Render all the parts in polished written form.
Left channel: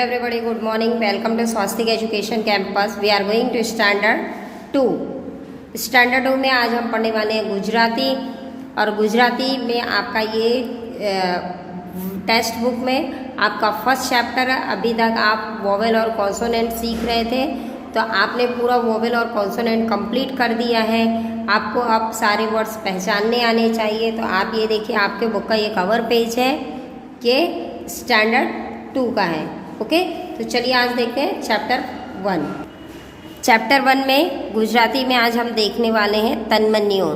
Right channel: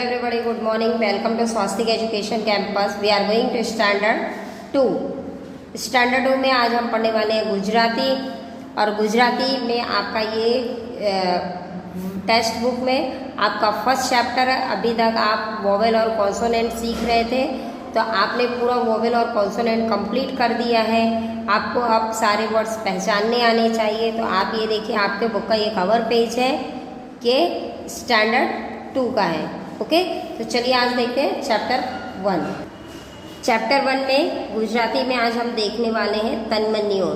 Everybody, good morning. Welcome to Swastik Education Campus. We are going to Standard 2. Standard 2 में आज हम पढ़ने वाले हैं गुजराती। और गुजराती में आपका ये टेक्स्ट बुक में आपका फर्स्ट चैप्टर है। अभी तक आप वोवेल और कॉन्सोनेंट सीख रहे थे, तो आपने पूरा वोवेल और कॉन्सोनेंट कंप्लीट कर दिया है। आपको अब सारे वर्ड्स पहचानने आने चाहिए। तो आप ये देखिए, आपके बुक का ये कवर पेज है, ये स्टैंडर्ड 2 का है। ओके, तो चलिए आज देखते हैं चैप्टर 1। चैप्टर 1 में गुजराती में आज हम देखने वाले हैं तन्मन्यो।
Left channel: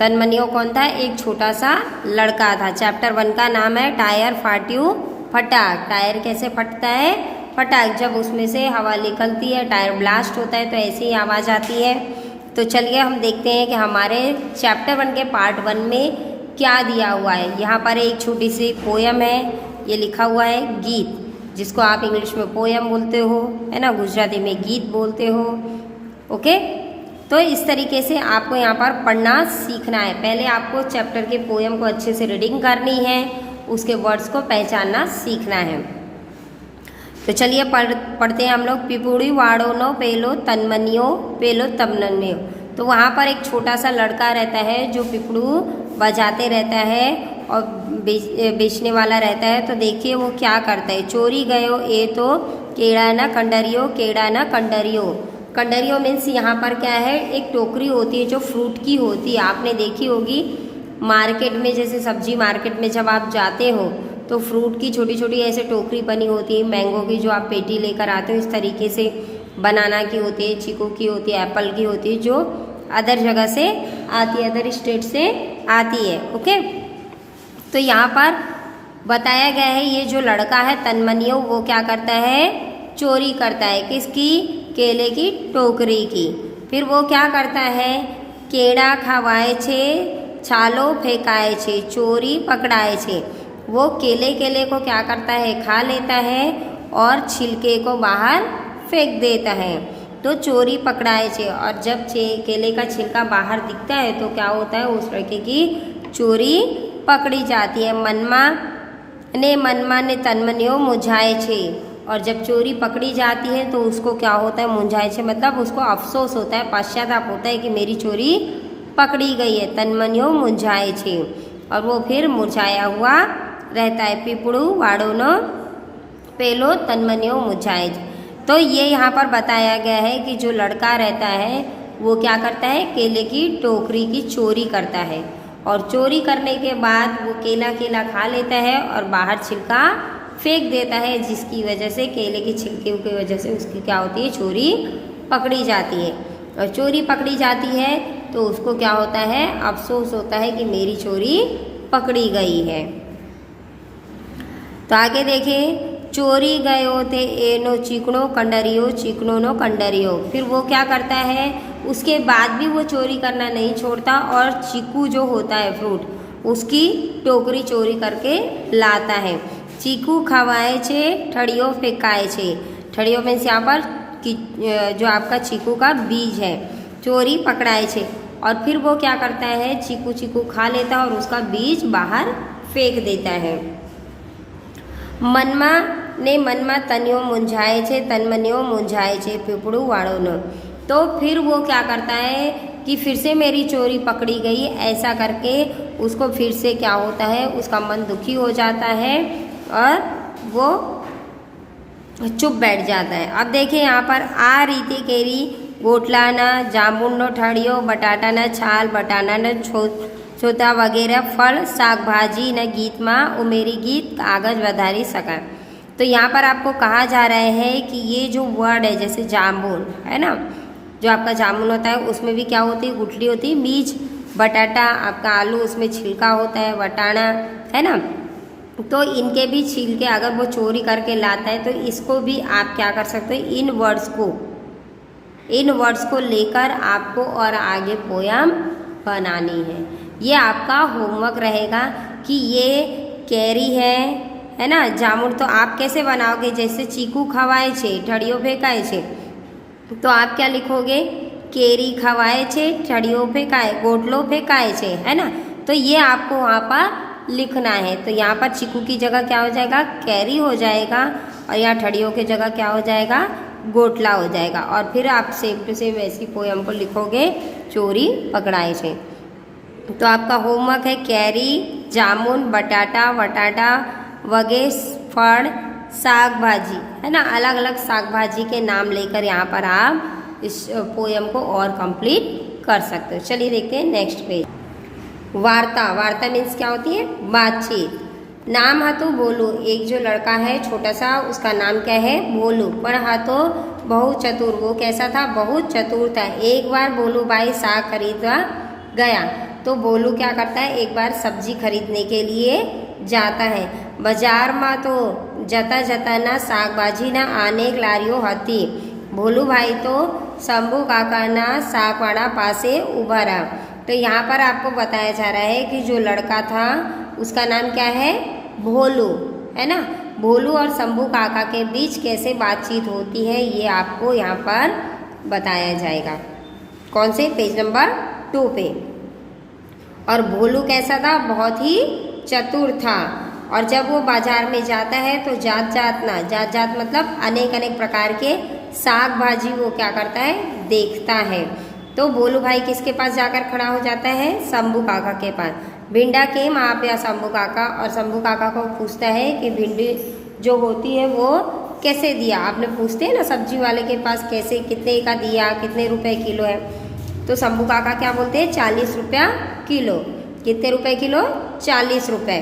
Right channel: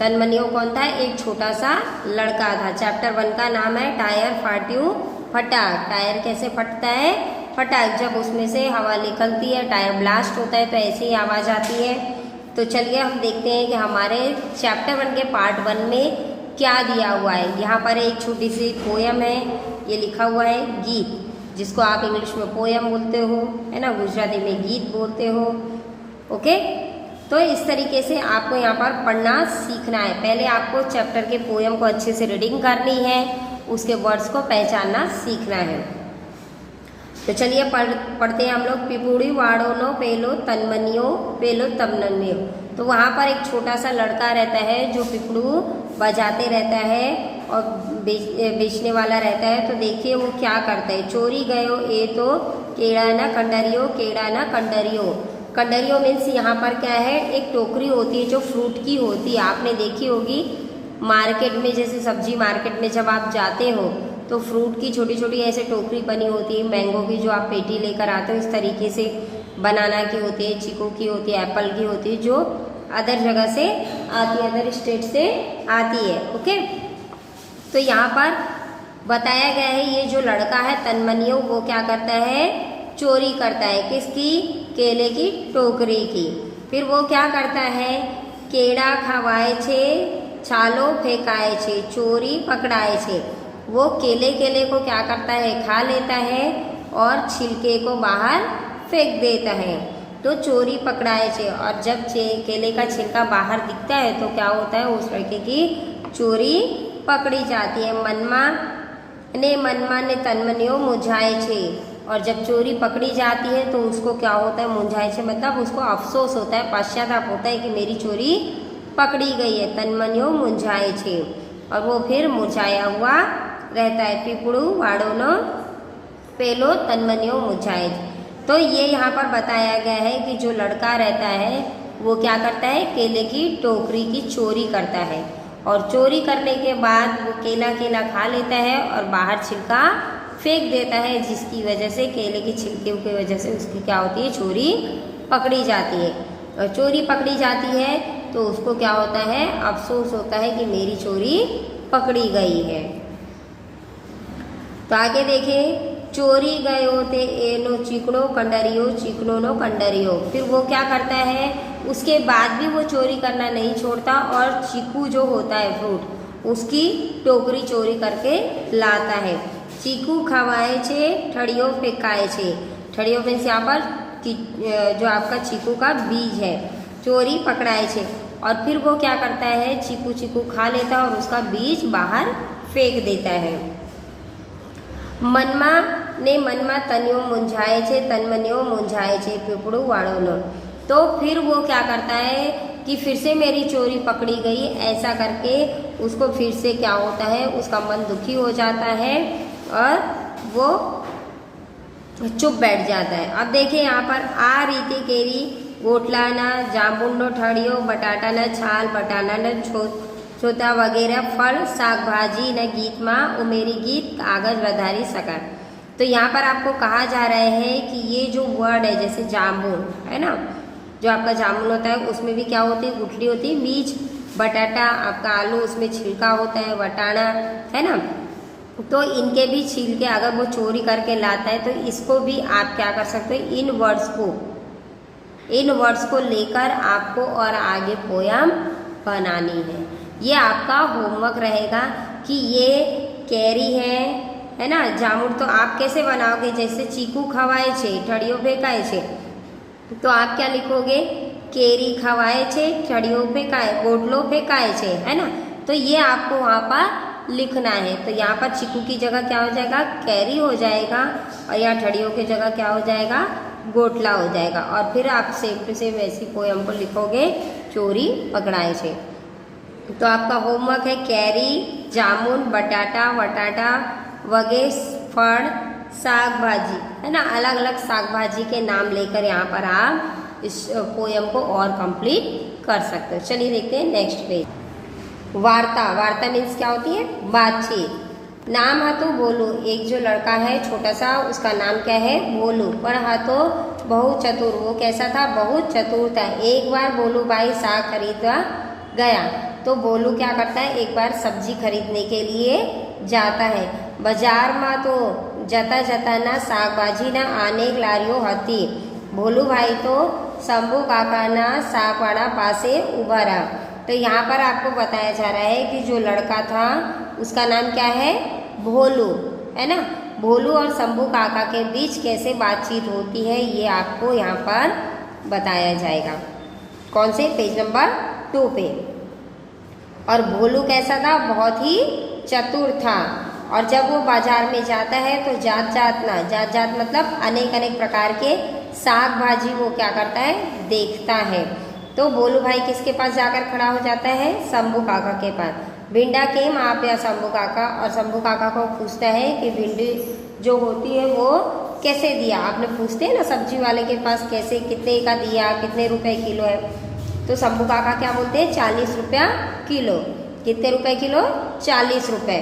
तन्मन्यो कौन था? एक छोटा सा लड़का था। चैप्टर 1 का नाम है टायर फाट्यू फटाक। टायर कैसे फटता है? फटाक, जब उसमें से हवा निकलती है, टायर ब्लास्ट होता है तो ऐसी ही आवाज़ आती है। तो चलिए हम देखते हैं कि हमारे चैप्टर 1 के पार्ट 1 में क्या दिया हुआ है। यहाँ पर एक छोटी सी पोयम है, ये लिखा हुआ है गीत, जिसको आप इंग्लिश में पोयम बोलते हो, है ना, गुजराती में गीत बोलते हो। ओके, तो इस तरीके से आपको यहाँ पर पढ़ना सीखना है। पहले आपको चैप्टर के पोयम को अच्छे से रीडिंग करनी है, उसके वर्ड्स को पहचानना सीखना है। तो चलिए पढ़ते हैं हम लोग। पिपुड़ी वाड़ोनो पेलो तन्मन्यो पेलो तमनन्यो। तो वहाँ पर एक छोटा सा लड़का रहता है जो पिपड़ू बजाते रहता है और बेचने वाला रहता है। तो देखिए वो क्या करता है। चोरी गयो ए तो केड़ा ना कंडरियो, केड़ा ना कंडरियो। कंडरियो मीन्स यहाँ पर क्या है, एक टोकरी होती है जो फ्रूट की होती है। आपने देखी होगी मार्केट में, जैसे सब्जी मार्केट में जब आप जाते हो तो फ्रूट की छोटी छोटी ऐसे टोकरी बनी होती है। मैंगो की जो आप पेटी लेकर आते हो इस तरीके से, बनाना की होती है, चीकू की होती है, एप्पल की होती है, जो अदर जगह से आती है, अदर स्टेट से आती है। ओके, तो यहाँ पर बताया गया है ये जो लड़का है तन्मन्यो, वो क्या करता है? चोरी करता है। किसकी? केले की टोकरी की। फिर वो क्या करता है? केड़ा खवाए छे, छालो फेंकाए छे, चोरी पकड़ाए छे। वो केले को क्या करता है? खा लेता है और छिलके को बाहर फेंक देता है। तो चोरी पकड़ाए छे। और जब केले का छिलका बाहर दिखता है तो क्या होता है? उस लड़के की चोरी पकड़ी जाती है। मनमा ने तन्मन्यो मुझाए छे। और जब चोरी पकड़ी जाती है तो उसको क्या होता है? मुझाए छे, मतलब उसको अफसोस होता है, पश्चाताप होता है कि मेरी चोरी पकड़ी गई है। तन्मन्यो मुझाए छे, और वो फिर मुरझाया हुआ रहता है। पिपड़ू वाड़ोनो पेलो तन्मन्यो मुझाए। तो ये यहाँ पर बताया गया है कि जो लड़का रहता है वो क्या करता है? केले की टोकरी की चोरी करता है। और चोरी करने के बाद वो केला खा लेता है और बाहर छिलका फेंक देता है, जिसकी वजह से केले के छिलके की वजह से उसकी क्या होती है? चोरी पकड़ी जाती है। और चोरी पकड़ी जाती है तो उसको क्या होता है? अफसोस होता है कि मेरी चोरी पकड़ी गई है। तो आगे देखें, चोरी गयो थे एनो चिकनो कंडरियो, चिकनो नो कंडरियो। फिर वो क्या करता है? उसके बाद भी वो चोरी करना नहीं छोड़ता और चीकू जो होता है फ्रूट, उसकी टोकरी चोरी करके लाता है। चीकू खवाए छे, ठड़ियो फेंकाए छे। ठड़ियो मीन्स यहाँ पर जो आपका चीकू का बीज है। चोरी पकड़ाए छे, और फिर वो क्या करता है? चीकू खा लेता है और उसका बीज बाहर फेंक देता है। मनमा तन्यो मुंझाए छे, तन्मन्यो मुंझाए छे, पिपड़ू वाड़ोनो। तो फिर वो क्या करता है कि फिर से मेरी चोरी पकड़ी गई, ऐसा करके उसको फिर से क्या होता है? उसका मन दुखी हो जाता है और वो चुप बैठ जाता है। अब देखिए यहाँ पर आ रीति केरी गोटलाना जामुननो ठड़ियो, बटाटाना छाल, बटाटाना छोता वगैरह फल शाकभाजी न गीत में उमेरी गीत आगज वधारी सका। तो यहाँ पर आपको कहा जा रहा है कि ये जो वर्ड है, जैसे जामुन है ना, जो आपका जामुन होता है उसमें भी क्या होती है? गुठली होती है, बीज। बटाटा आपका आलू, उसमें छिलका होता है, वटाना है ना। तो इनके भी छिलके अगर वो चोरी करके लाता है तो इसको भी आप क्या कर सकते हो? इन वर्ड्स को लेकर आपको और आगे पोयम बनानी है। ये आपका होमवर्क रहेगा कि ये कैरी है ना, जामुन। तो आप कैसे बनाओगे? जैसे चीकू खवाए छे, ठड़ियो फेंकाए छे, तो आप क्या लिखोगे? केरी खवाए छे, ठड़ियो फेंकाए, गोटलो फेंकाए छे, है ना। तो ये आपको वहाँ पर लिखना है। तो यहाँ पर चीकू की जगह क्या हो जाएगा? कैरी हो जाएगा। और यहाँ ठड़ियों की जगह क्या हो जाएगा, गोटला हो जाएगा। और फिर आप सेम टू सेम वैसी पोयम को लिखोगे, चोरी पकड़ाए छे। तो आपका होमवर्क है कैरी, जामुन, बटाटा, वटाटा, वगे, फल, साग भाजी, है ना। अलग अलग साग भाजी के नाम लेकर यहाँ पर आप इस पोयम को और कंप्लीट कर सकते हो। चलिए देखते हैं नेक्स्ट पेज। वार्ता, वार्ता मीन्स क्या होती है, बातचीत। नाम हाथों बोलू, एक जो लड़का है छोटा सा, उसका नाम क्या है, बोलू। पर हाथों बहुत चतुर, वो कैसा था, बहुत चतुर था। एक बार बोलू भाई साग खरीदवा गया। तो बोलू क्या करता है, एक बार सब्जी खरीदने के लिए जाता है। बाजार में तो जता जता ना शाकभाजी ना अनेक लारीओ हती। भोलू भाई तो शंभू काका ना शाकवाड़ा पासे उभा रहा। तो यहाँ पर आपको बताया जा रहा है कि जो लड़का था उसका नाम क्या है, भोलू, है ना। भोलू और शंभू काका के बीच कैसे बातचीत होती है ये आपको यहाँ पर बताया जाएगा। कौन से पेज नंबर 2 पे। और भोलू कैसा था, बहुत ही चतुर था। और जब वो बाजार में जाता है तो जात जात मतलब अनेक अनेक प्रकार के साग भाजी वो क्या करता है, देखता है। तो भोलू भाई किसके पास जाकर खड़ा हो जाता है, शंभू काका के पास। भिंडा के माँ पे शंभू काका, और शंभू काका को पूछता है कि भिंडी जो होती है वो कैसे दिया। आपने पूछते हैं ना सब्जी वाले के पास, कैसे कितने का दिया, कितने रुपए किलो है। तो शंभू काका क्या बोलते हैं, 40 रुपया किलो। कितने रुपए किलो, 40 रुपए।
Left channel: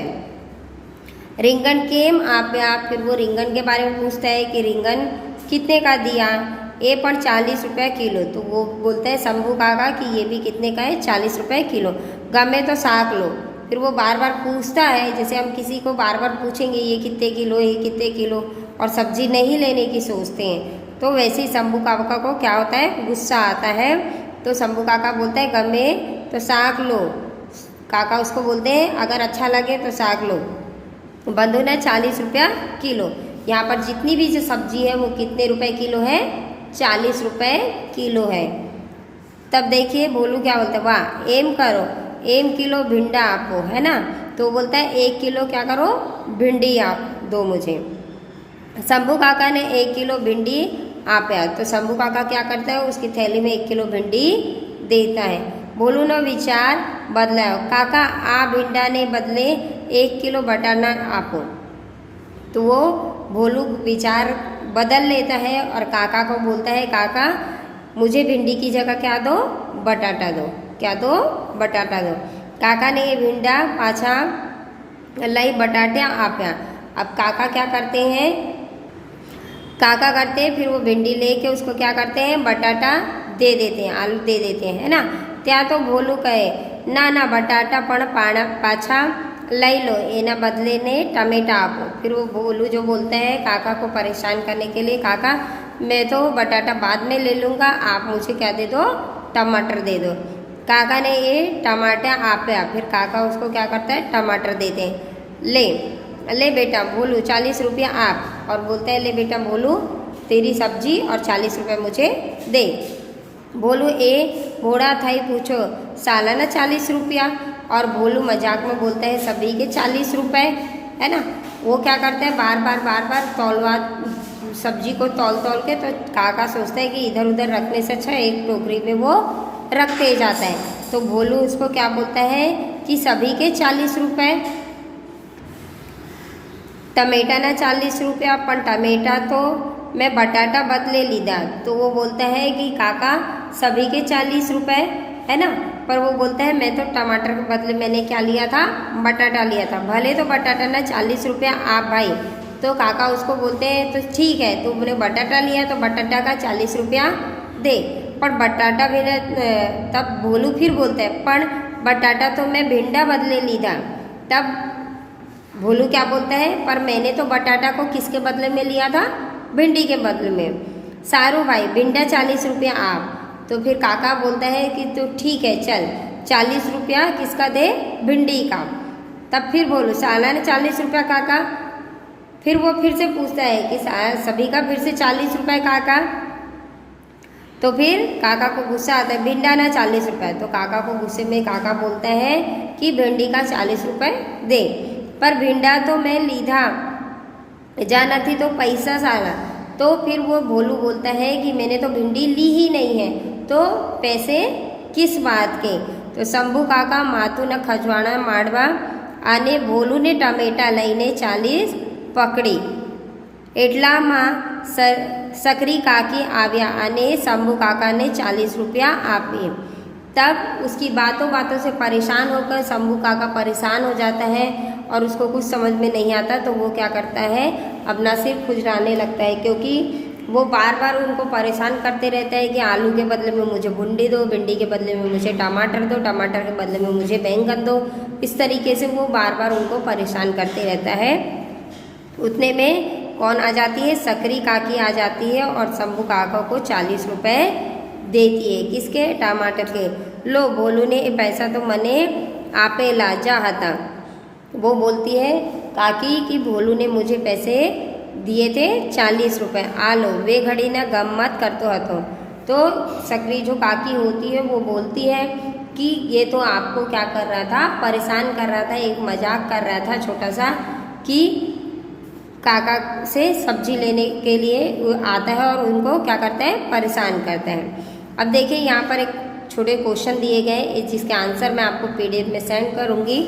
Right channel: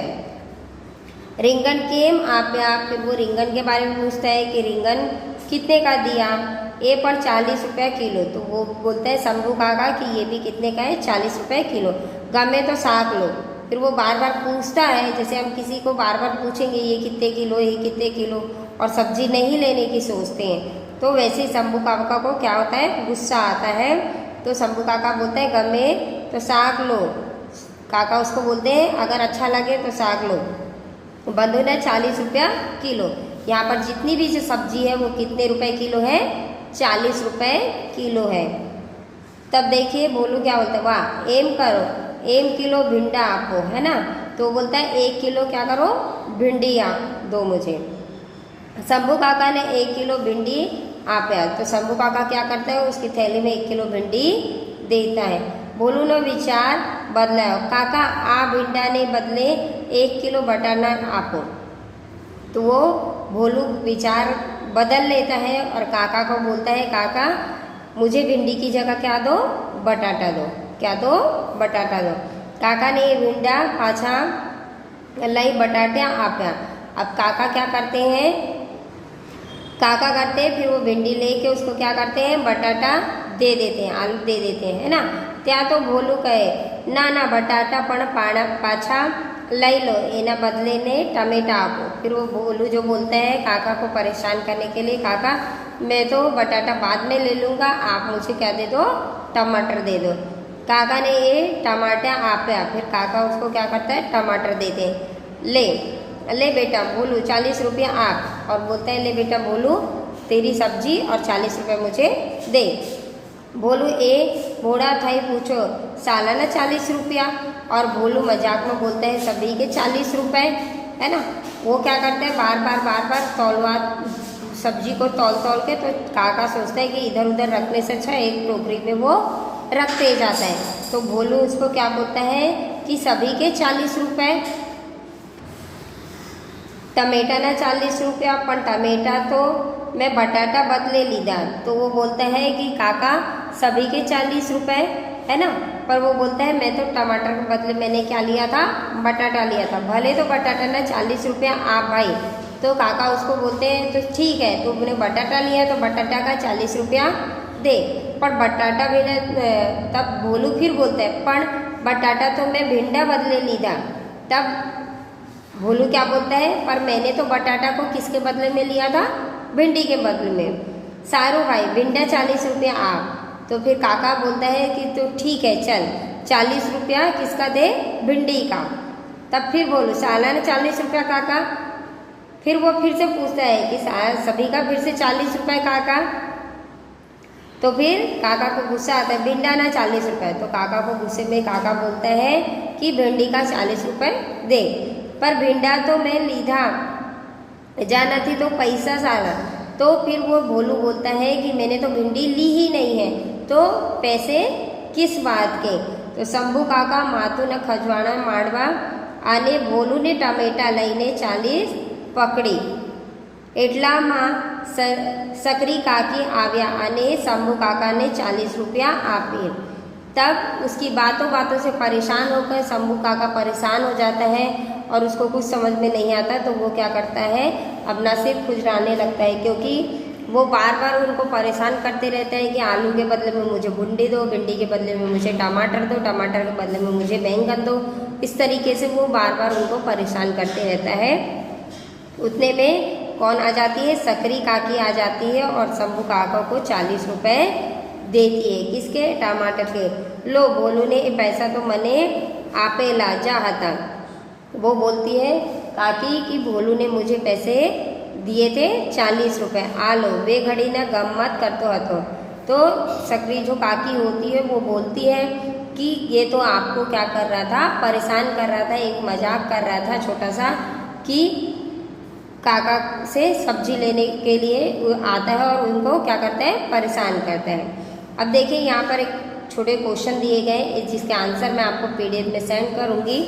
रिंगन केम आप, फिर वो रिंगन के बारे में पूछता है कि रिंगन कितने का दिया, ये पर 40 रुपया किलो। तो वो बोलता है शंभू काका कि ये भी कितने का है, 40 रुपये किलो। गमे तो साग लो। फिर वो बार बार पूछता है, जैसे हम किसी को बार बार पूछेंगे ये कितने किलो, ये कितने किलो, और सब्जी नहीं लेने की सोचते हैं। तो वैसे ही शंभू काका को क्या होता है, गुस्सा आता है। तो शंभू काका बोलता है गमे तो साग लो। काका उसको बोलते हैं अगर अच्छा लगे तो साग लो। बंधु ने 40 रुपया किलो। यहाँ पर जितनी भी जो सब्जी है वो कितने रुपए किलो है, 40 रुपए किलो है। तब देखिए भोलू क्या बोलता है, वाह एम करो, 1 किलो भिंडा आपको, है ना। तो बोलता है 1 किलो क्या करो, भिंडी आप दो मुझे। शंभू काका ने 1 किलो भिंडी आप। तो शंभू काका क्या करता है, उसकी थैली में 1 किलो भिंडी देता है। भोलू ने विचार बदलाया, काका आ भिंडा ने बदले 1 किलो बटाना आपो। तो वो भोलू विचार बदल लेता है और काका को बोलता है काका मुझे भिंडी की जगह क्या दो, बटाटा दो। क्या दो, बटाटा दो। काका ने ये भिंडा पाछा लाई बटाटा आप्या। अब काका क्या करते हैं, काका करते हैं फिर वो भिंडी लेके उसको क्या करते हैं, बटाटा दे देते हैं, आलू दे देते हैं, है ना। त्या तो भोलू कहे ना ना बटाटा पण पाछा लई लो, एना बदले ने टमेटा आपो। फिर वो भोलू जो बोलता है काका को परेशान करने के लिए, काका मैं तो बटाटा बाद में ले लूँगा, आप मुझे क्या दे दो, टमाटर दे दो। काका ने ये टमाटर आपया। फिर काका उसको क्या करता है, टमाटर देते हैं। ले बेटा भोलू 40 रुपया आप। और बोलता है ले बेटा भोलू तेरी सब्जी और 40 रुपये मुझे दे। भोलू ए घोड़ा थाई पूछो सालाना 40 रुपया। और भोलू मजाक में बोलता है सभी के 40 रुपये, है ना। वो क्या करता है बार बार तौलवा सब्जी को तौल के। तो काका सोचता है कि इधर उधर रखने से अच्छा एक टोकरी में वो रखते जाता है। तो भोलू उसको क्या बोलता है कि सभी के 40 रुपये। टमेटा ना 40 रुपया, पर टमेटा तो मैं बटाटा बदले लीधा। तो वो बोलता है कि काका सभी के 40 रुपये, है ना। पर वो बोलता है मैं तो टमाटर के बदले मैंने क्या लिया था, बटाटा लिया था। भले तो बटाटा ना 40 रुपया आप भाई। तो काका उसको बोलते हैं तो ठीक है तुमने बटाटा लिया तो बटाटा का 40 रुपया दे। पर बटाटा भी ना, तब भोलू फिर बोलता है पर बटाटा तो मैं भिंडा बदले लीधा। तब भोलू क्या बोलता है पर मैंने तो बटाटा को किसके बदले में लिया था, भिंडी के बदले में। सारू भाई भिंडा 40 रुपया आप। तो फिर काका बोलता है कि तो ठीक है चल 40 रुपया किसका दे, भिंडी का। तब फिर बोलू सालाना 40 रुपया काका। फिर वो फिर से पूछता है कि सभी का फिर से 40 रुपये काका। तो फिर काका को गुस्सा आता है भिंडा ना 40 रुपये। तो काका को गुस्से में काका बोलता है कि भिंडी का 40 रुपये दे। पर भिंडा तो मैं लीधा जाना थी तो पैसा सारा। तो फिर वो भोलू बोलता है कि मैंने तो भिंडी ली ही नहीं है, तो पैसे किस बात के। तो शंभू काका माथू न खजवाना माड़वा आने भोलू ने टमेटा लईने 40 पकड़ी। એટલામાં सकरी काकी आव्या અને शंभू काका ने 40 रुपया आपे। तब उसकी बातों बातों से परेशान होकर शंभू काका परेशान हो जाता है और उसको कुछ समझ में नहीं आता। तो वो क्या करता है, अपना सिर खुजलाने लगता है, क्योंकि वो बार बार उनको परेशान करते रहता है कि आलू के बदले में मुझे भिंडी दो, भिंडी के बदले में मुझे टमाटर दो, टमाटर के बदले में मुझे बैंगन दो। इस तरीके से वो बार बार उनको परेशान करते रहता है। उतने में कौन आ जाती है, सकरी काकी आ जाती है और शंभू काका को 40 रुपए देती है। किसके, टमाटर के। लो भोलू ने पैसा तो मने आपेला जा हता। वो बोलती है काकी कि भोलू ने मुझे पैसे दिए थे 40 रुपए, आ लो वे घड़ी ना गम मत करतो हतो। तो सकरी जो काकी होती है वो बोलती है कि ये तो आपको क्या कर रहा था, परेशान कर रहा था, एक मजाक कर रहा था छोटा सा, कि काका से सब्जी लेने के लिए आता है और उनको क्या करता है, परेशान करता है। अब देखिए यहाँ पर एक छोटे क्वेश्चन दिए गए जिसके आंसर मैं आपको पीडीएफ में सेंड करूँगी।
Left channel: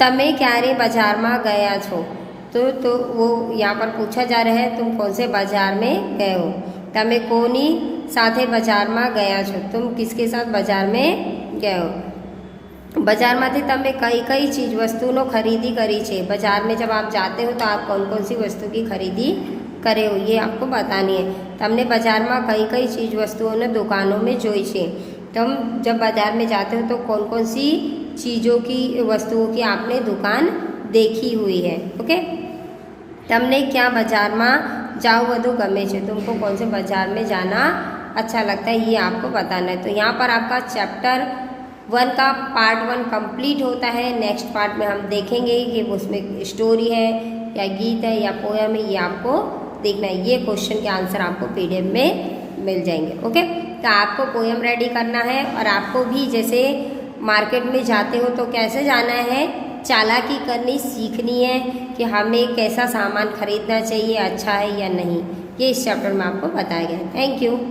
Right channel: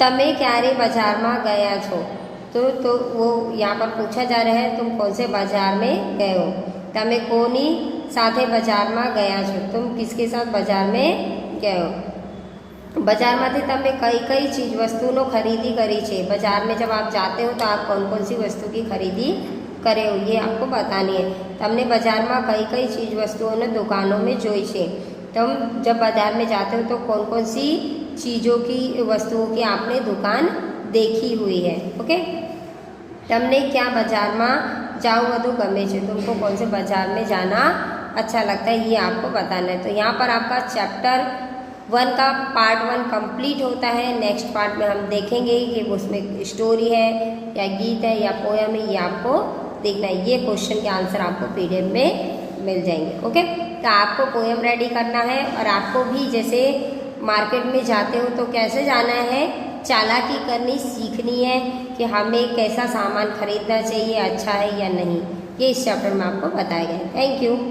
तमे क्यारे बाजार में गया छो। तो वो यहाँ पर पूछा जा रहा है तुम कौन से बाजार में गए हो। तमे कोनी साथे बाजार में गया छो, तुम किसके साथ बाजार में गए हो। બજારમાંથી તમે કઈ કઈ ચીજ વસ્તુનો ખરીદી કરી છે। बाजार में जब आप जाते हो तो आप कौन कौन सी वस्तु की खरीदी करे हो, ये आपको बतानी है। तमने बाजार में कई कई चीज वस्तुओं ने दुकानों में जोई छे। तुम जब बाजार में जाते हो तो कौन कौन सी चीज़ों की वस्तुओं की आपने दुकान देखी हुई है। ओके, तमने क्या बाजार में जाओ वधु गमे छे, तुमको कौन से बाजार में जाना अच्छा लगता है, ये आपको बताना है। तो यहाँ पर आपका चैप्टर 1 का पार्ट 1 कंप्लीट होता है। नेक्स्ट पार्ट में हम देखेंगे कि उसमें स्टोरी है या गीत है या पोयम है, ये आपको देखना है। ये क्वेश्चन के आंसर आपको पीडीएफ में मिल जाएंगे। ओके, तो आपको पोयम रेडी करना है और आपको भी जैसे मार्केट में जाते हो तो कैसे जाना है, चालाकी करनी सीखनी है कि हमें कैसा सामान खरीदना चाहिए, अच्छा है या नहीं, ये इस चैप्टर में आपको बताया गया है। Thank you.